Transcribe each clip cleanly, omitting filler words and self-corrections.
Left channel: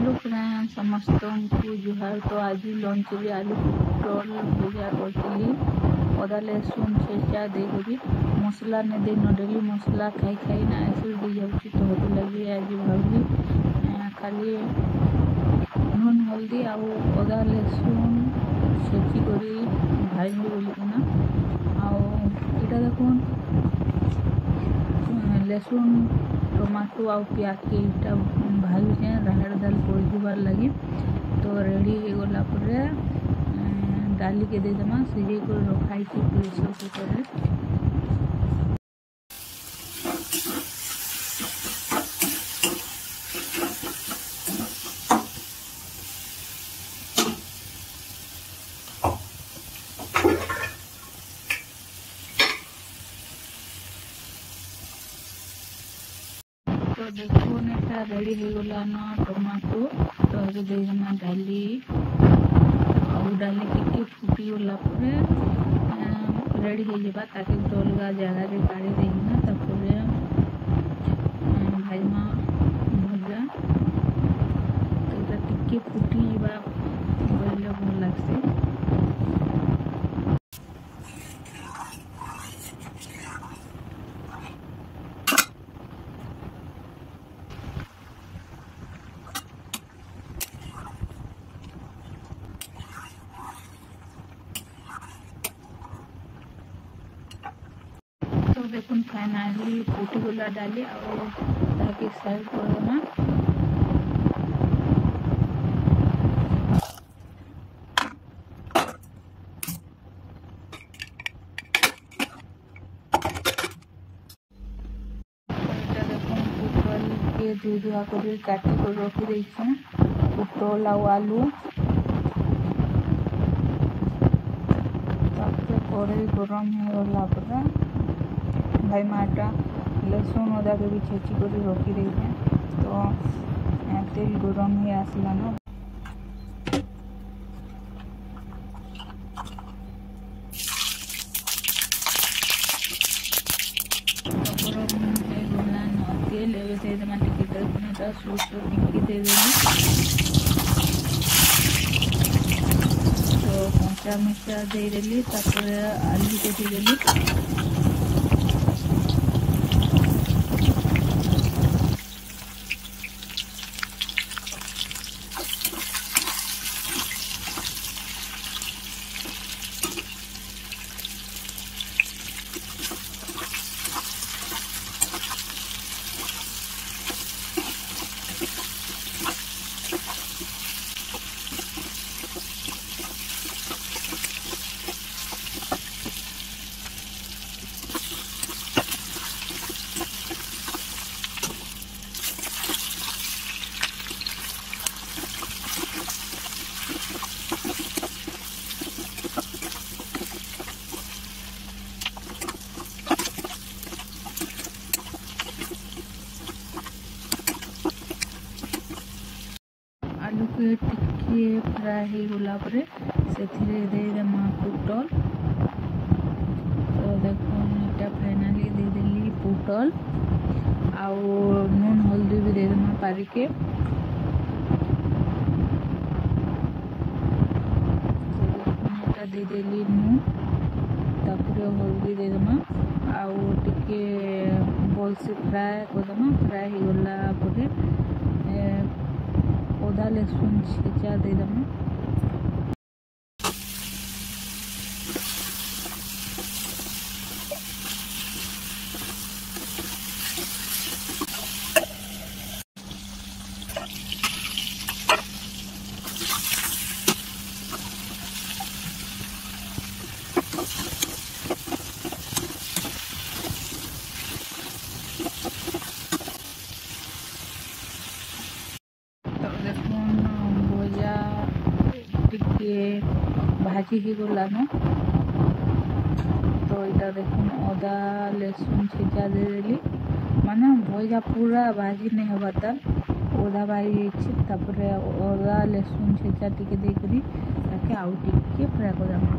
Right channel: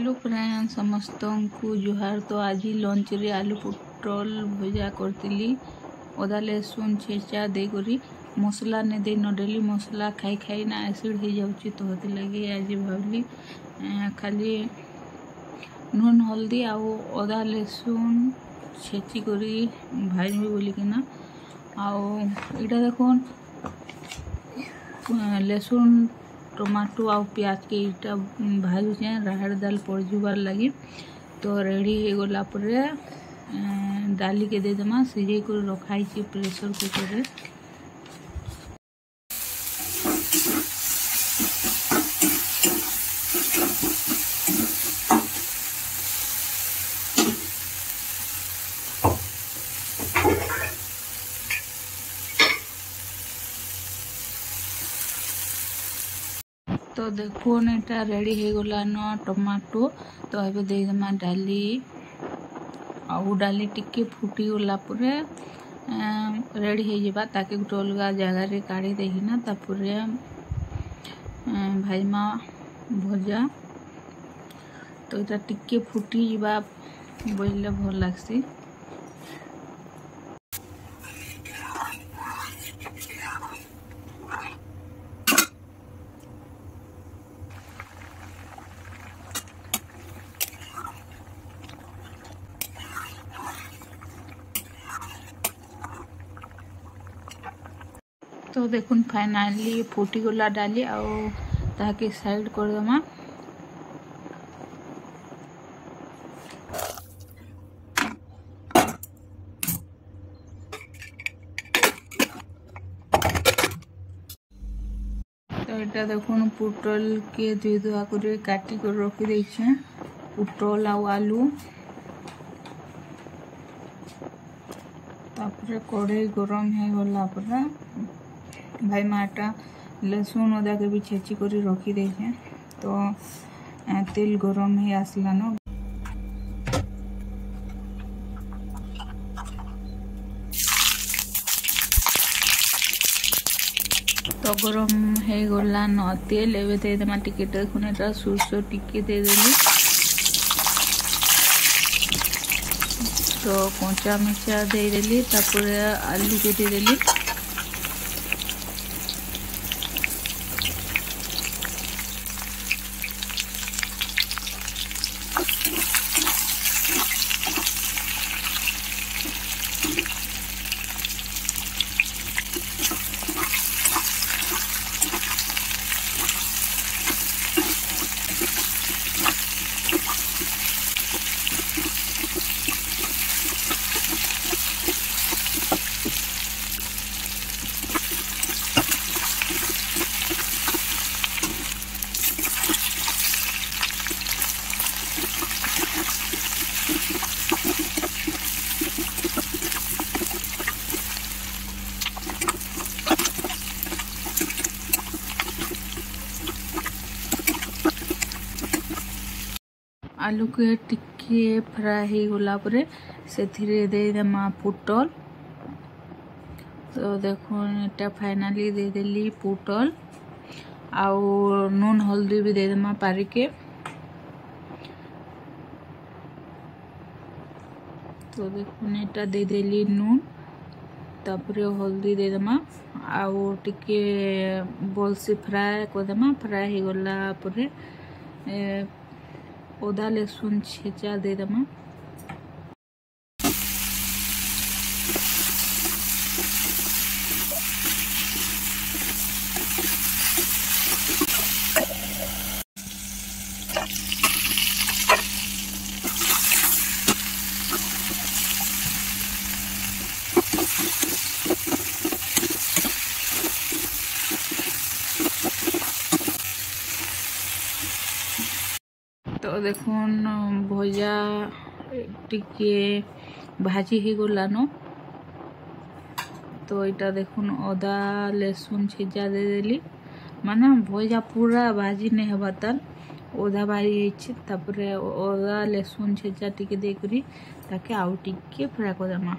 Hello friends समस्त को जुहार। तो आज लंच रे आलू पोटल भजा करती अदा लहसुन छेचा देकरी मसला ने दे डेली मसला खाई खाई ना एसिड हो जाऊँगी। तो होते लगी आज भावी खाली नून हल्दी आउ अदा लहसुन छेची करी भाजमी बोलिकिना आईटा देखुन लहसुन टमाटो आ प्याज के इटा भाजुचे राहड़ दाल पड़जुबार लगी। तो रेडी हो गला परे डाली के दे देमा सिझे कर रखाई प्रेशर कुकर रे। तो देखुन एटा रेडी हो गला न टमाटो। तो ये देमा डाली आउ डाली टिके फुटी गला परे रेडी हो जाबा ताके गोटे अलग जगह रे काढ़ी देना तापरे भाजमा भजा। तो ये टिके फुटी जाबा बोलले भल लागसी। तो देखुन फाइनाली फुटी गला डाली ताकि साइड कर देमा। तो এটা দেখুন পুটল के দুই দুয়া করে কাটি করে রখি দেইছে পুটল আর আলু। तापरे कढ़ाई गरम हो गला परे भाई माटा लहसुन अदा के भी छेची कर रखी देखे। तो तेल गरम हो आसला न। तो गरम हो गला न तेल एवं देदेमा टिके देखुन सोरस टिके देदेली। तो कंचा मिर्चा देदेली तापरे आलू के देदेली। आलू के टिके फ्राई हो गला परे से दे देमा पुटल। तो देखो एटा फाइनाली दे देली पुटल आउ नून हल्दी भी दे देमा पारिके। तो देखो एटा दे देली नून तापरे हल्दी दे देमा आउ टिके बोल से फ्राई कर देमा। फ्राई हो गला परे अदा लहसुन छेचा दे देमा। तो देखुन भजा टिके भाजी ही गला न। तो यहाँ देखुन अदा लहसुन छेचा दे देली माने भजा पूरा भाजी नहीं हवा ताल ओदा भाजी तापरे अदा लहसुन छेचा टिके देकरी ताके आउ टिके फ्राई कर देमा।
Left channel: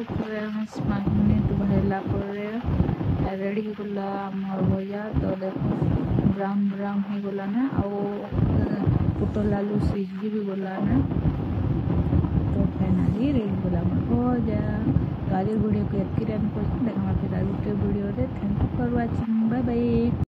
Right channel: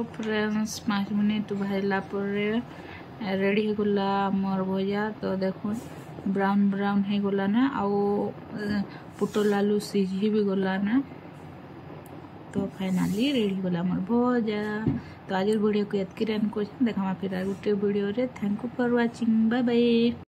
तो फ्रेंड्स 5 मिनिट भाजला रेडी हो गला मोर भजा। तो देखो ब्राउन ब्राउन हो गला ना आउ पुटल आलू सीझी भी गला ना। तो फाइनाली रेडी हो गला मोर भजा। तो आज वीडियो को एतकी देखा फिर गोटे वीडियो रे। Thank you for watching. Bye bye.